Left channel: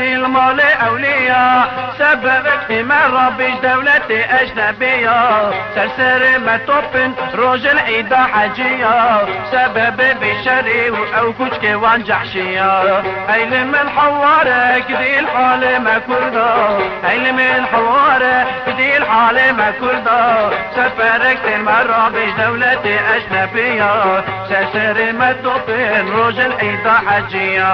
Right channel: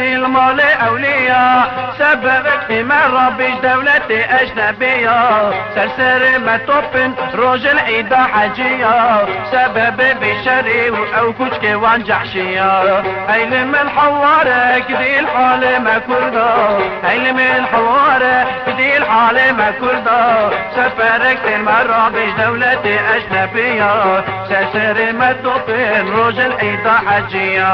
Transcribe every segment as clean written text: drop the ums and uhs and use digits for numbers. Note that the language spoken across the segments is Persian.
تجري المال أولياء سببت إيمان ربي دولة أجنبية سرسر متوبن روج العيدة حجية سبب بشري أو كشك وانجحشية أيل من حوارة كدي الحال ما كردا أيل من حوارة كدي الحال ما كردا سفرت المرة بدولة أجنبية سرسر متوبن روج العيدة حجية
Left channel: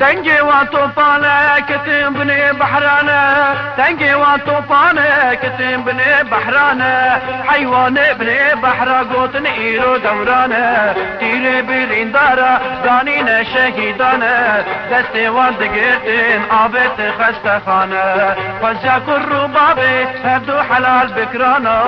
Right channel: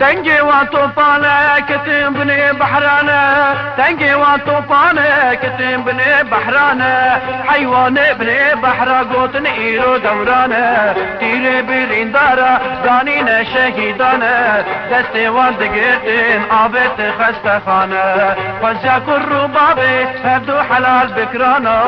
تنجي وطوفانه كتم بني بحرانه تنجي وطوفانه كتم بني بحرانه حيوان بني بحر قوتن إيرو دورانه تير بالإندارة دانين شهيدانه دستي واندقيتين عابت خستخانه فزيا كالربابي هبدو حلال بكرانه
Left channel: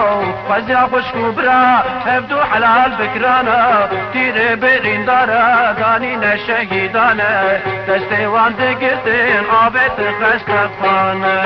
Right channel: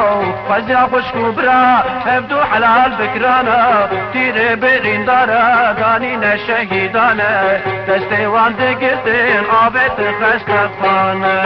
فزيا بشكو برا هبدو حلال بكرانه تير بالإندارة دانين شهيدانه دستي واندقيتين عابت خستخانه